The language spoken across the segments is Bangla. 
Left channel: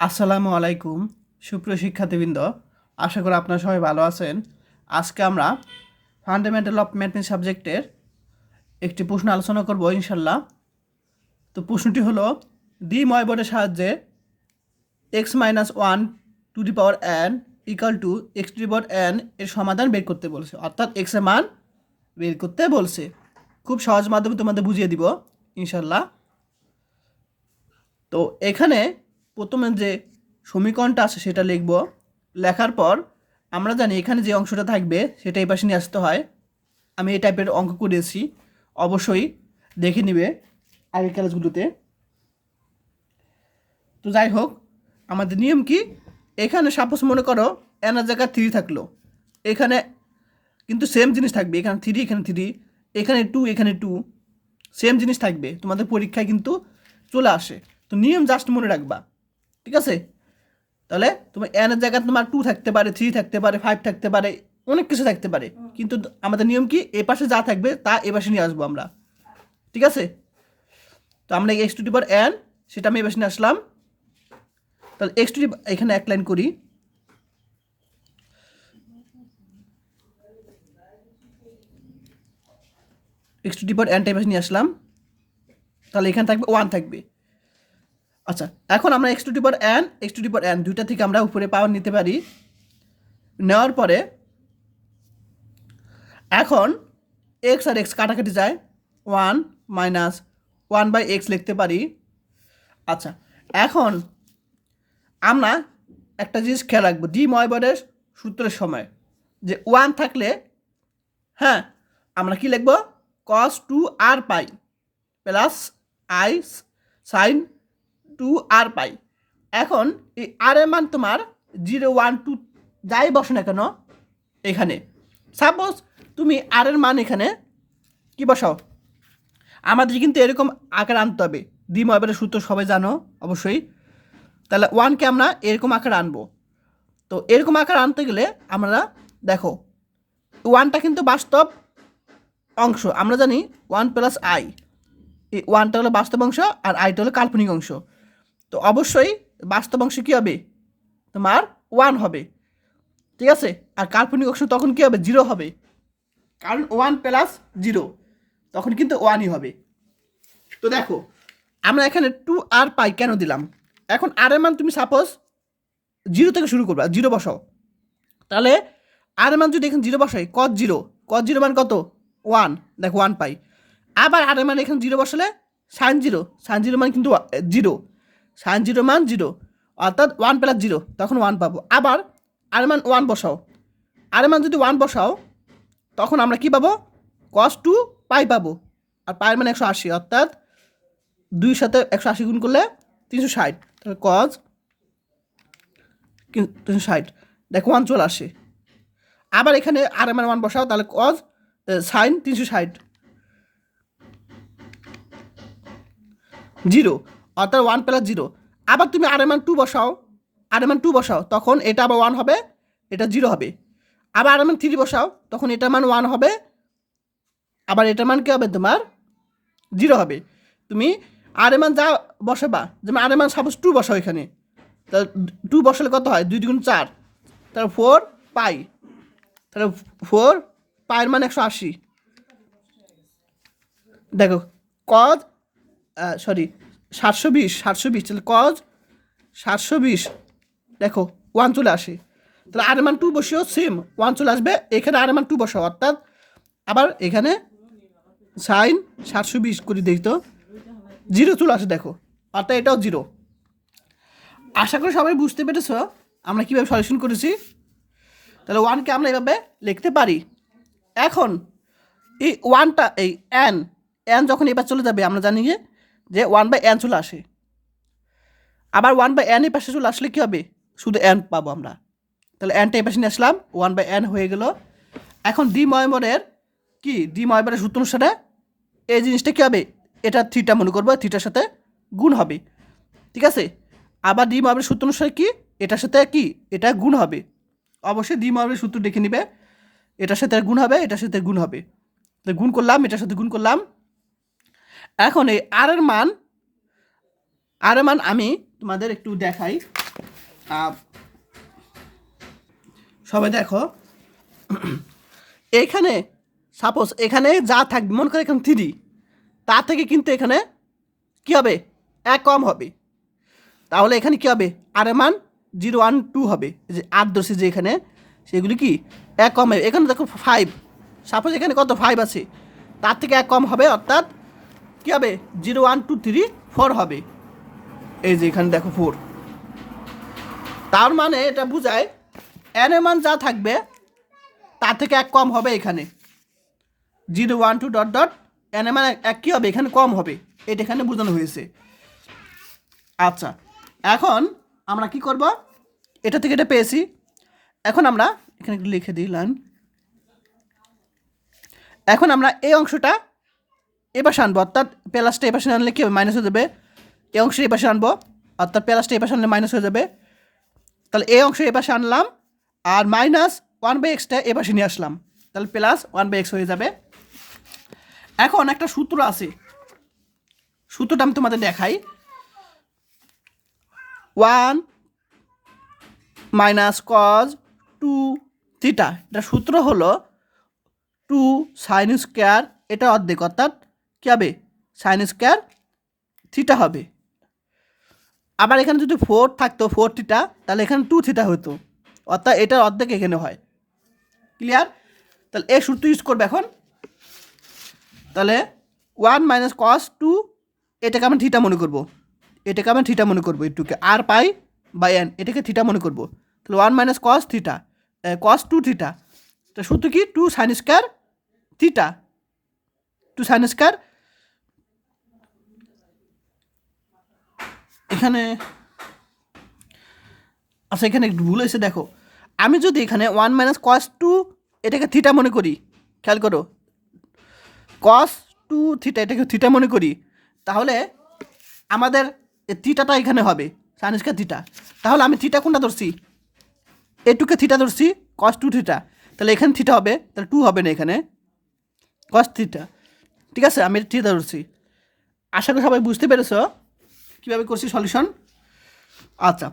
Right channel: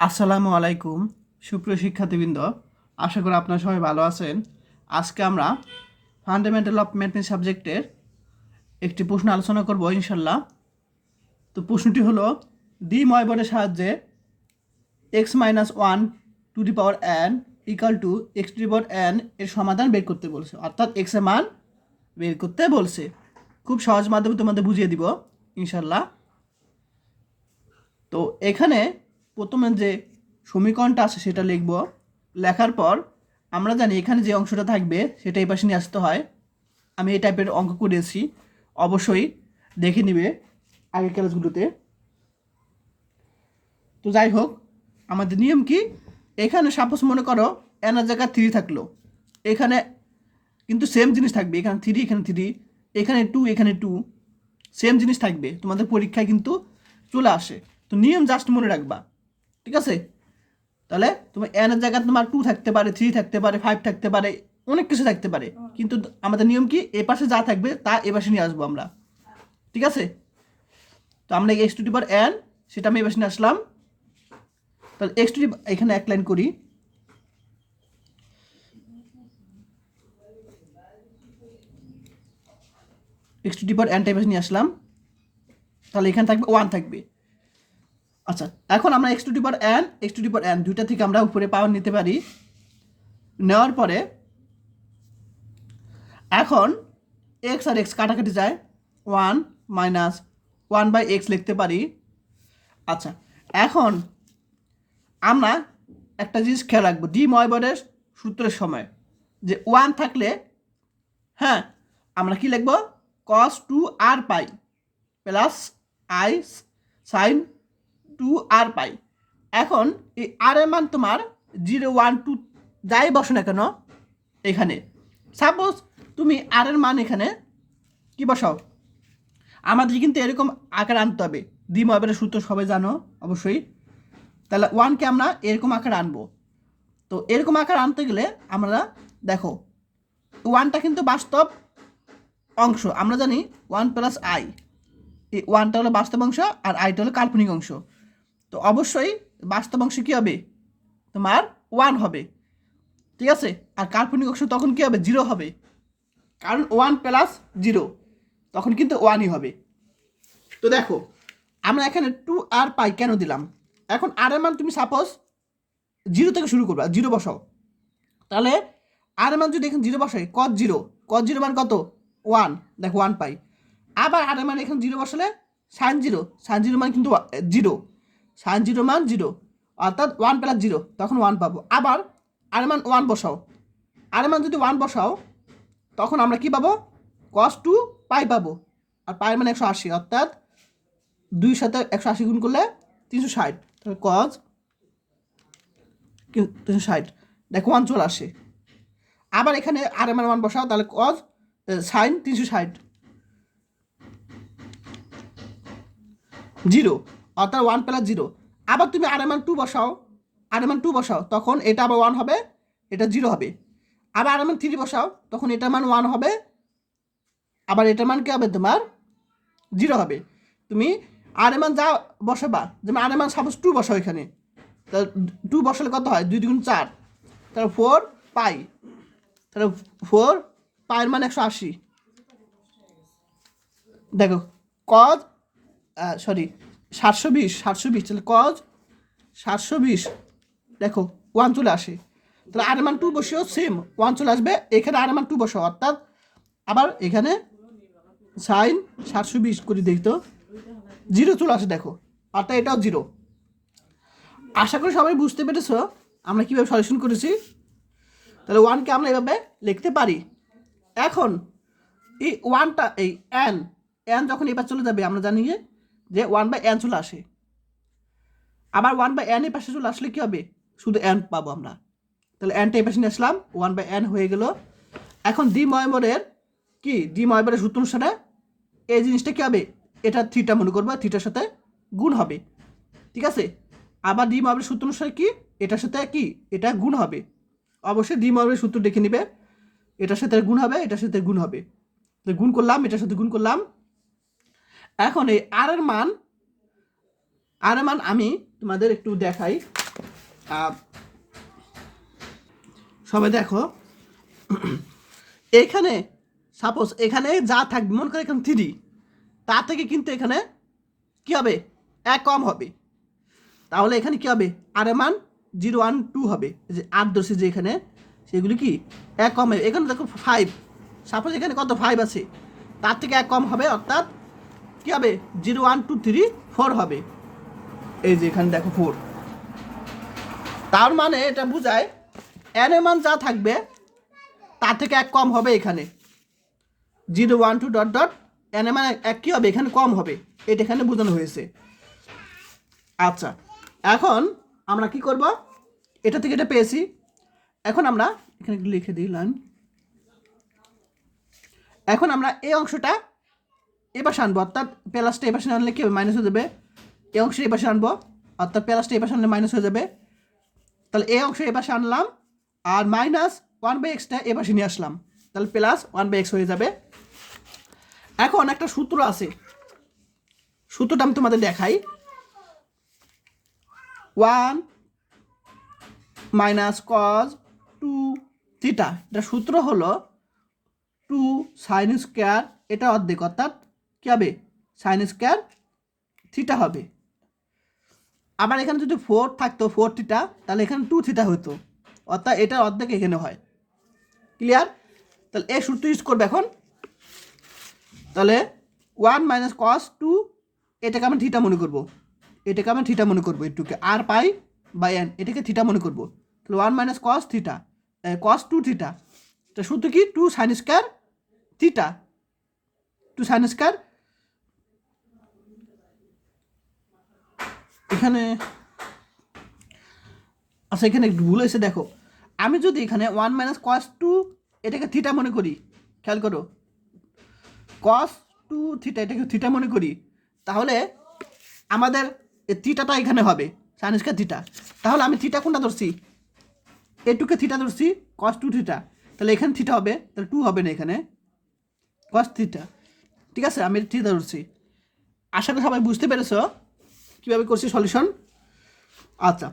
আসসালামু আলাইকুম সুপ্রিয় শিক্ষার্থীবৃন্দ, আশা করি আপনারা সবাই ভালো আছেন। আজকে আমরা ফান্ডামেন্টাল অফ ম্যাথমেটিক্স সাবজেক্টের একটি প্রশ্ন আলোচনা করব ইনশাল্লাহ। তো প্রশ্নটি হলো ডি ময়বরের সাহায্যে x minus one to the power N equal to x to the power N এর সমাধান বের করতে বলছে, অর্থাৎ এক্স এর মান বের করতে বলছে। খুব সহজ মাধ্যমে তোমাদের বুঝিয়ে দিব ইনশাল্লাহ। তো এখানে প্রথমে যে সমীকরণটা আছে সেটা লিখব। লেখার পর আমরা জানি এখানে যে অংশটা থাকবে সেটা এই পাশে নিয়ে আসতে হয়। আমি এই টাইপের অঙ্ক করেছি, অবশ্যই দেখে নিবে আগের ক্লাসগুলোতে। তো যাই হোক, আমাদের নিয়ম কি, এখানে সাপোজ মনে করো এনার জায়গায় 3 থাকলো, এখানে কিন্তু সেম জিনিস থাকবে, এখানে 3 এখানে 3 এখানে 2 এখানে 2 সেম জিনিস থাকবে, তোমাদের পরীক্ষায় কিন্তু চলে আসে। তো নিয়ম জাস্ট মনে রাখবা, ঠিক আছে? তাহলে তোমার এনের জায়গায় তোমার 2 থাকতে পারে, 3 থাকতে পারে, 5 থাকতে পারে, অনেক কিছু থাকতে পারে, কিন্তু আমাদের নিয়ম কি, এ পাশে যা থাকবে তা এ পাশে নিয়ে আসবো আমরা, ঠিক আছে? তো আমরা x to the power N সেটা আমি এ পাশে নিয়ে আসলাম। তাহলে এক্স টু দি, এখানে এক লাইন করি, এক্স টু দি পাওয়ার এনটা এ পাশে নিয়ে আসলাম। তাহলে এখানে থাকবে 1 থাকবে। আচ্ছা, এখন আমরা x to the power N x to the power N দুইটা থেকে আমরা উপরে পাওয়ার নিতে পারি। নেওয়ার পরে এখন এক্স আর এক্স কাটাকাটি যায়, 1 মাইনাস 1/x লিখতে পারি। আচ্ছা, এখন আমরা একটা জিনিস খেয়াল রাখবো, ডি ময়বরের সূত্রের সময় যে 1 থাকলে, হ্যাঁ, আমরা কি লিখবো, cos 2r pi plus i sin 2r পাই। এখন এই আর এর মান তোমার 0 1 2 যাই বসো না কেন, এখানে সাপোজ তুমি আর এর মান এখানে কি বসাও, আমাদের কিন্তু এরকম আকার আনতে হবে। ডি ময়বরের সূত্র সবাই জানো অবশ্যই। তাহলে 1কে আমরা এরকম আকার আনবো। তো এরকম আকার আনতে গেলে আমরা দেখো, 1টা কিন্তু বাস্তব অংশ, আমরা জানি 1 প্লাস আই, এই 1টা হলো বাস্তব অংশ আর আইটা হলো কাল্পনিক অংশ। তো অবশ্যই বাস্তব অংশ কী হবে, তোমার 1 হবে, ঠিক আছে? আর কাল্পনিক অংশ তখন কী হবে, 0 হবে, কারণ 1 প্লাস 0 তখন কিন্তু 1ই হবে। তো দেখো, আমরা এখানে 2r পাই কেন দিলাম, এখন আর এর মান তুমি সাপোজ 0 থেকে শুরু করবা, 0 বসাও। তাহলে আর এর মান যদি এখানে 0 বসাই, cos 0 মান কত, 1, দেখো 1 পাই। আবার আর এর মান এখানে 0 বসালে sin 0 মান কিন্তু 0, sin 0 মান 0, অর্থাৎ 1 প্লাস 0 তখন 1 পাবো। আবার আর এর মান 1 বসাও, আর এর মান যদি 1 বসাও তখন আমরা কি পাবো, cos 2 পাই পাবো, আর পায়ের মান 180, অর্থাৎ 2 সাথে 180 গুণ করলে 360, তাহলে cos 360, দেখো 1 চলে আসে। আবার এখানে আর এর মান 1 বসাও, তাহলে cos sin 360 0, অর্থাৎ 1 প্লাস 0। আবার তুমি আর এর মান 2 বসাও, আর এর মান 2 বসাও, তখন এটা আবার 1 হবে, এটা 0 হবে। আবার আর এর মান 3 বসাও, তখন এটার মান 1 হবে, আবার এটার মান কী হবে, তোমার 0 হবে। তুমি আর এর মান যা বসাবা, যেমন আর এর মান সাপোজ 2 বসাও এখানে, তা 2 বসালে কত হয়, 2 2 4, তাহলে 4 পাই, তাহলে 4 পায়ের মান 180। দেখো cos 720, তাহলে cos 720, দেখো 1 চলে আসে। তাহলে আর মান 2 বসিও, সেম 1 চলে আসবে, এখানে আর মান 2 বসাও, অর্থাৎ আবার এখানে sin 720 করে দিই, তো 0 চলে আসে, দেখো, অর্থাৎ এটাও 0। আশা করি সবাই বুঝতে পেরেছ আমরা কীভাবে সলিউশন করেছি। তাহলে 1কে আমরা এভাবে লিখতে পারি। এখন এই 1টা, এই এন যখন এবার চলে যাবে, আমরা জানি যে 1/n চলে আসে। আবার 1/n এর পাশে চলে আসলে কী হবে, শুধু n পাবো আমরা। তাহলে nটা এই পাশে নিয়ে আসলাম, 1/n হয়ে গেল। এখন ডি ময়বরের সূত্র অনুসারে এই জিনিসটা কী হবে, এটা থিটা মনে করবো, থিটার সাথে গুণ হবে, ঠিক আছে? আবার ডি ময়বরের সূত্র অনুসারে কি, এটার সাথে কি, এটা গুণ হবে। অবশ্যই ডি ময়বরের সূত্র দেখে নিবে, এটার সাথে গুণ হবে, এটার সাথে গুণ হবে, তো গুণ করলাম, এটার সাথে গুণ করলাম। এখন এই আর এর মান আমি তোমাদের একটু দেখাই, আহ, সবাই দেখো এখানে সাপোজ এখানে যা থাকবে মনে করে এখানে 3, তার থেকে কিন্তু এখানে কী হবে, 1 কম হবে। তাহলে এখানে কী হবে, আর এর মান 0 1 2 হবে। যে 8 ধরছি যে এখানে, সেগুলি কি 1 কম হবে। এখানে দেখো 5, সাপোজ এখানে কত 5 আছে, তার থেকে 1 কম হবে, অর্থাৎ কী হবে 0 1 2 3 4 হবে। এই যে এখানে দেখো 4, তার মানে এটা বোঝায় এন এর মান যা থাকবে তার থেকে 1 কম হবে। এখানে 0 1 2 ডট ডট এন এর মান 1 কী হবে, এখানে কম হবে। এটা এখানে বোঝানো হয়েছে। আচ্ছা, এখন আমরা কি করব, এটা থেকে এটা পেয়েছি। এখন আমরা এখানে একটু লিখে দিলাম। এখন আমরা এই অংশটা এপাশে আনবো, অর্থাৎ প্লাসটা এপাশে আনলে কি হবে, মাইনাস হয়ে যাবে। এই অংশ এপাশে আনবো, অর্থাৎ প্লাসটা এপাশে আনলে মাইনাস হয়ে যাবে। তাহলে এই অংশ এপাশে আনলাম, আর মাইনাস 1/xটা এপাশে নিয়ে আসলাম, তাহলে প্লাস 1/x হয়ে যাবে। এখন একটা সূত্র আছে, সূত্রটা আমি তোমাদের দেখাই। 1 মাইনাস কজ 2 থিটা, এটা সূত্র হলো 2 সাইন স্কোয়ার, এটা অর্ধেক, অর্থাৎ কী হবে সাইন স্কোয়ার থিটা হবে। আবার এখানে যদি 4 থাকতো 4 থিটা, তাহলে এখানে 2 থিটা হতো, অর্থাৎ এটার অর্ধেক এখানে হয়। ক্লিয়ার? তাহলে এই সূত্র ইউজ করবে এখন। তাহলে 1 মাইনাস কস 2, এটাকে আমরা থিটা মনে করবো, এটাকে আমরা থিটা মনে করবো, একটুকে আর পাই বাই এন, এটাকে থিটা মনে করবো। তাহলে 1 মাইনাস কস থিটা, কস 2 থিটা, তো সূত্র কি 2 sine square theta, 2 sine square. এখানে আচ্ছা, এখানে একটু ভুল হয়েছে, দেখো আমি যদি এখানে 1 মাইনাস কস 2 এটাকে থিটা মনে করি, খেয়াল করো, কস 2 থিটা এটাকে থিটা মনে করি, তাহলে আমাদের থিটাটা এখানে হবে সাইন স্কোয়ার থিটা। তাহলে আমি থিটা কোনটা ধরছি, এটুকে থিটা ধরছি, কস 2 থিটা, তাহলে এখানে থিটা হবে, তাহলে 2 হবে না, এখানে কস থিটা। ঠিক আছে, আমি থিটা ধরছি। আশা করি সবাই বুঝতে পেরেছো কীভাবে করছি সলিউশন। আচ্ছা,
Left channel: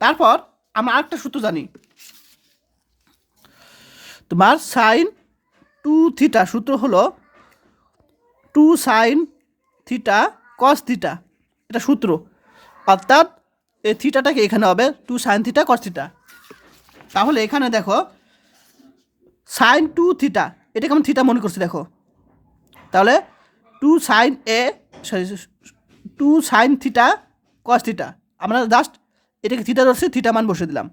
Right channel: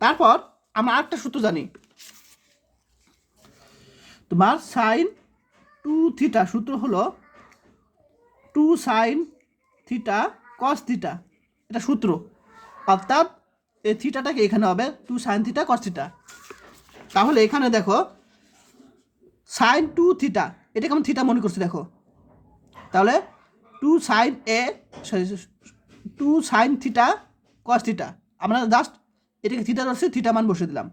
তারপর আমরা আরেকটা সূত্র জানি, তোমার সাইন 2 থিটা সূত্র হলো 2 সাইন থিটা কস থিটা, এটা সূত্র, অর্থাৎ এই থিটাটাকে এখানে হবে 2 সাইন থিটা কস থিটা। তাহলে এখানে দেখো সাইন 2 থিটা, এটাকে আমি থিটা মনে করছি, দেখো তাহলে 2 সাইন এ sorry 2 sine theta cos theta, আমরা জাস্ট এটাকে থিটা ধরছি, থিটা মান বসে দিলাম,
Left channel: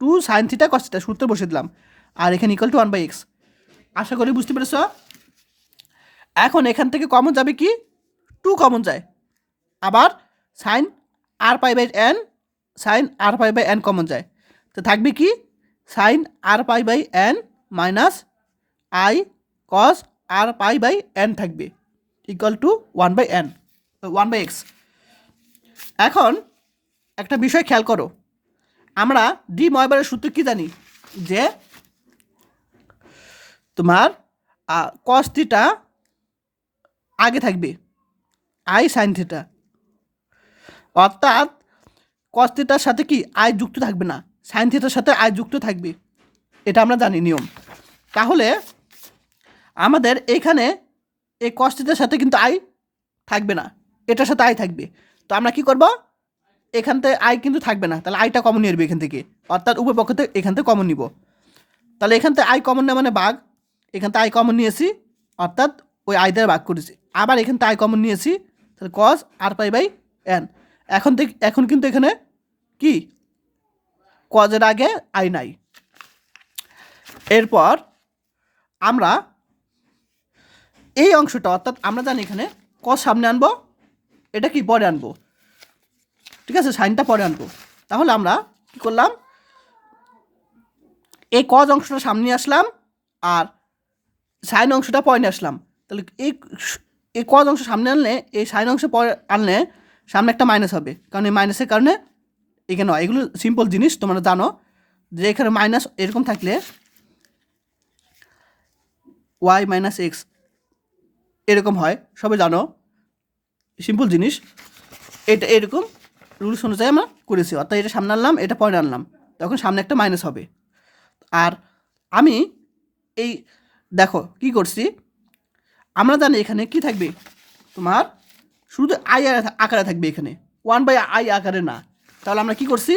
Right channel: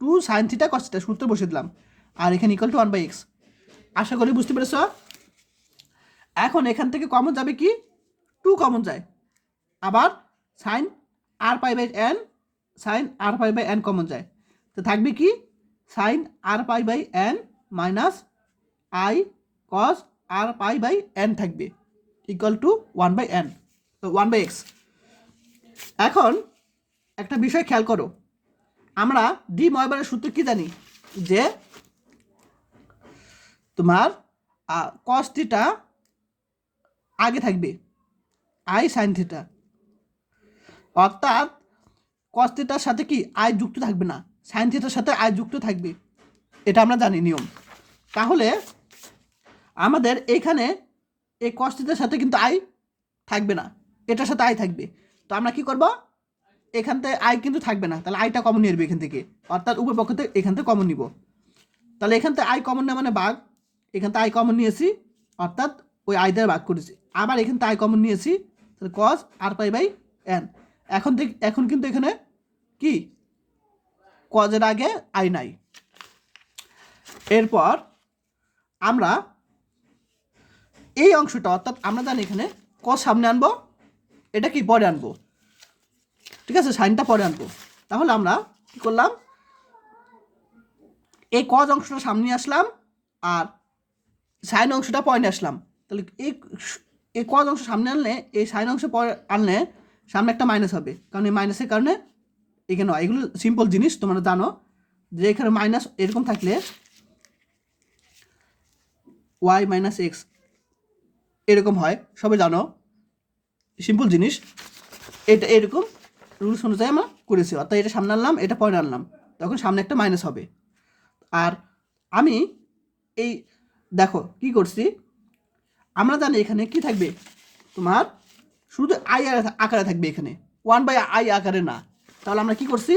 2 সাইন থিটা কস থিটা সূত্র বসে দিলাম, আর এখানে ইকুয়াল টু 1/x। আশা করি বুঝতে পেরেছ। এখন এখান থেকে কমন যাবে কি, 2 কমন যায়, আবার sine r pi by n, sine r pi by n common যায়, তো থাকবে কি sine r pi by n minus i cos r pi by n থাকবে, ইকুয়াল টু 1/n, 1/x। এখন একটা বিষয় খেয়াল করো, আমরা ডি ময়বারের সূত্র কি জানি, যে তোমার কস থিটা আগে থাকবে আই সাইন থিটা, অর্থাৎ কস থিটার সাথে কি আই যুক্ত থাকবে না, সাইন থিটার সাথে আই যুক্ত থাকবে, এটা আমরা জানি নিয়ম। তাহলে আমাদের এখানে এই কস থিটার সাথে কিন্তু আই থাকবে না, এটার সাথে আই থাকবে। তো আমরা কি করব, এখান থেকে আই কিন্তু থাকবে না, তাহলে আইটা কমন নিয়ে আসবে এখান থেকে, অর্থাৎ উভয় পক্ষ থেকে এখান থেকে কমন নিব। তাহলে এখান থেকে আই কমন নেওয়া মানে ভাগ, এখান থেকে আই কমন নিয়েছি, অর্থাৎ ওই আই দ্বারা ভাগ করেছি, আবার এখান থেকে আই কমন নিয়েছি, তাহলে কস আর পাই বাই এন। এখন কিন্তু এখানে কি কজের আগে আই নাই। এরপর আমরা এই অংশটা, অর্থাৎ আমরা জানি এখানে কস সামনে আনবো, এটা কি পরে আনবো, ঠিক আছে, সাইনটা পরে আনবো। তাহলে আমরা কী করলাম, এই কজ অংশটা সামনে আসলাম, আর সাইন অংশটা পরে নিয়ে আসলাম। তাহলে এই কজ অংশ সামনে আনলে, এই সাইন অংশ পরে আনলে সামনে একটা মাইনাস হবে, কারণ এই মাইনাসের কারণে এখানে হয়। এগুলো সিম্পল জিনিস, তোমরা জানো যে এখানে মাইনাস এরকম থাকলে ওয়াই মাইনাস এক্স এরকম হয়, সবাই জানো, সিম্পল জিনিস। এটা এরকম রুলস অনুযায়ী আমরা করেছি, অর্থাৎ এটা সামনে আনলাম, এটা পরে আনলাম, তখন সামনে একটা মাইনাস হবে। আর আমি এই দেখো কি করছি, আমরা জানি এখানে কি থাকবে, তোমার শুধু আই আকারে থাকবে, এখানে 1/i আকারে না। তাহলে আমরা কি করছি,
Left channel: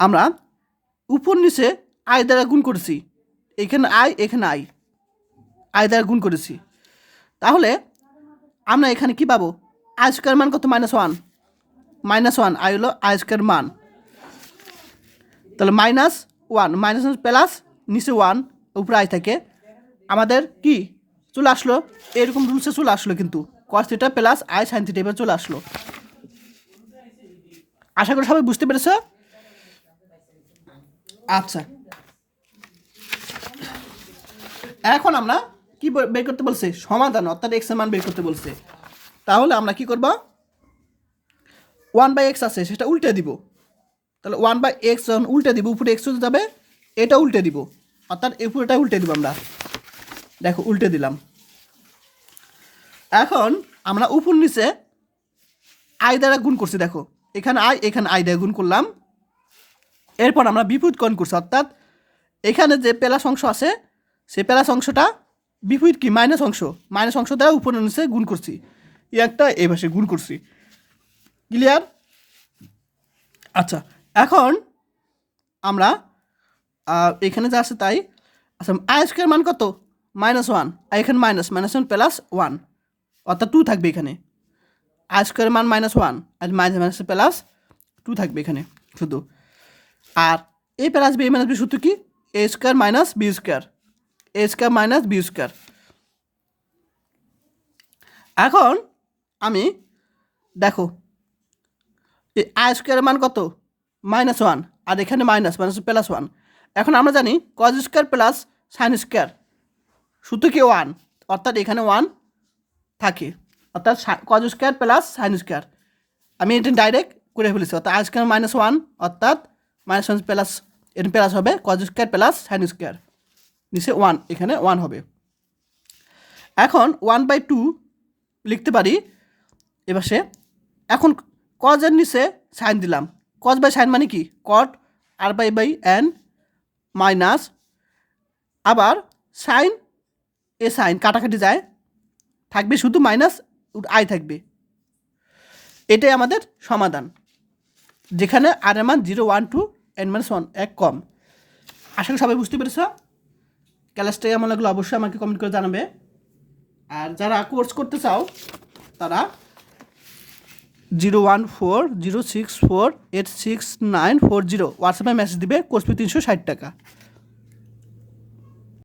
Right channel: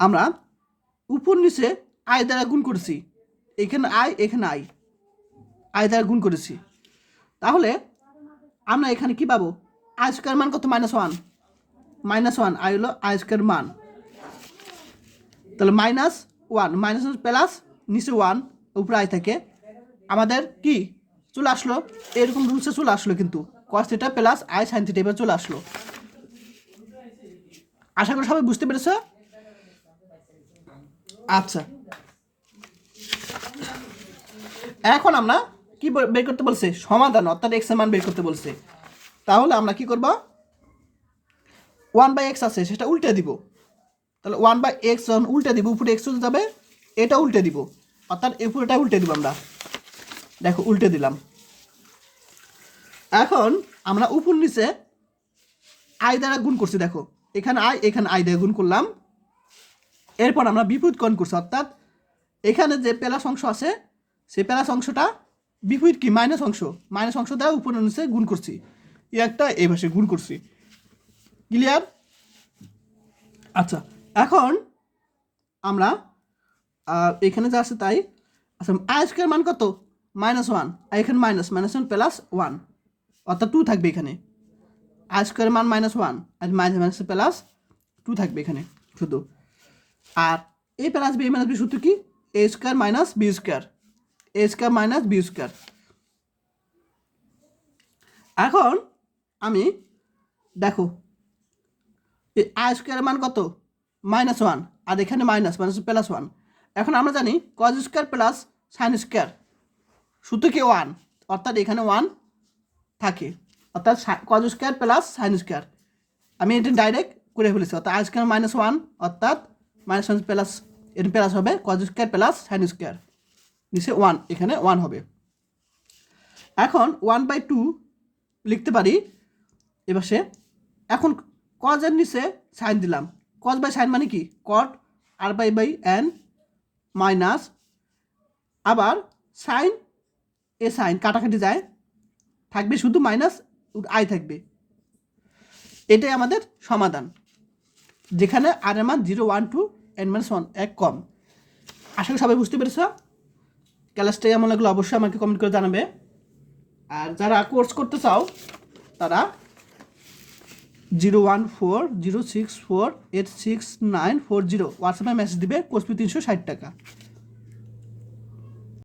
আমরা উপর নিচে আই দ্বারা গুণ করেছি, এখানে এখানে আই দ্বারা গুণ করেছি। তাহলে আমরা এখানে কি পাবো, আই স্কোয়ার মান কত, -1, আই হলো আই স্কোয়ার মান। তাহলে -1 প্লাস নিচে 1 উপরে আই থাকে, আমাদের কি চলে আসলো, এরকম রুলসে চলে আসলো, কিন্তু cos theta plus i sine theta এবার চলে আসলো। আশা করি সবাই বুঝতে পেরেছে। আচ্ছা, এখন আমরা কি বের করতে বলছে, সমাধান, অর্থাৎ এক্স এর মান বের করতে বলছে। তাহলে আমরা কি করব, 1/x আছে সেটা উল্টে দিব। তাহলে 1/x যখন উল্টে দিব, উপরে এক্স যাবে, এটা উল্টে দিব, অর্থাৎ উপরেটা উল্টে দিব আমরা। দেখো উল্টে দিলাম। এখন আমরা উপর নিচে আই দ্বারা গুণ করছি, দেখো এখানে আই দ্বারা গুণ করলাম। এরপর আমরা বিপরীতকরণ করছি, অর্থাৎ এখানে যে প্লাস অংশ আছে সেই প্লাস অংশটা বিপরীত কি মাইনাস অংশ দ্বারা উপর নিচে গুণ করছি, একটা এই ভাষায় গুণ করছি। ক্লিয়ার? আচ্ছা, এখন আমরা এখানে যা আছে তাই। আচ্ছা, আই স্কোয়ার মান কত, -1, আর এখানে -1 প্লাস 1, অর্থাৎ 2 থাকবে এখানে। আই স্কোয়ার মান -1 আর মাইনাস প্লাস 2 থাকবে এখানে শুধু। আর এ প্লাস বি মাইনাস বি সূত্র কি, এ স্কোয়ার মাইনাস বি স্কোয়ার, এখন আমি দেখো আই স্কোয়ারের মান কত, -1, আর এখানে মাইনাস প্লাস 1। এখন আমরা জানি cos square plus sine square সূত্র কি 1, অর্থাৎ এখানে 1 থাকে, অর্থাৎ cos square plus sine square. আমি এটা ডাইরেক্ট করে ফেলেছি, অর্থাৎ আই স্কোয়ার -1, অর্থাৎ -1 প্লাস এর প্লাস হবে cos square plus sine square, নিচে 1, এখানে 1 হবে। এখন 1/2 লিখতে পারি এবার সে। এখন কজের নিচে সাইন দিলাম, কজ বাই সাইন মানে কি, কট r/n মাইনাস, আবার সাইন সাইন কাটাকাটি যায়, থাকবে শুধু মাইনাস আই থাকবে। এটাই আমাদের সমাধান, যেখানে আর এর মান 0, 1, 2, n-1 এক কম। আশা করি সবাই বুঝতে পেরেছ। ক্লাসটা কেমন লাগলো অবশ্যই আমাকে কমেন্ট করে জানাবে। আর যারা কোর্স করতে চাও তারা 01406486940 হোয়াটসঅ্যাপে মেসেজ দিবে, কোর্স ফি 360 টাকা।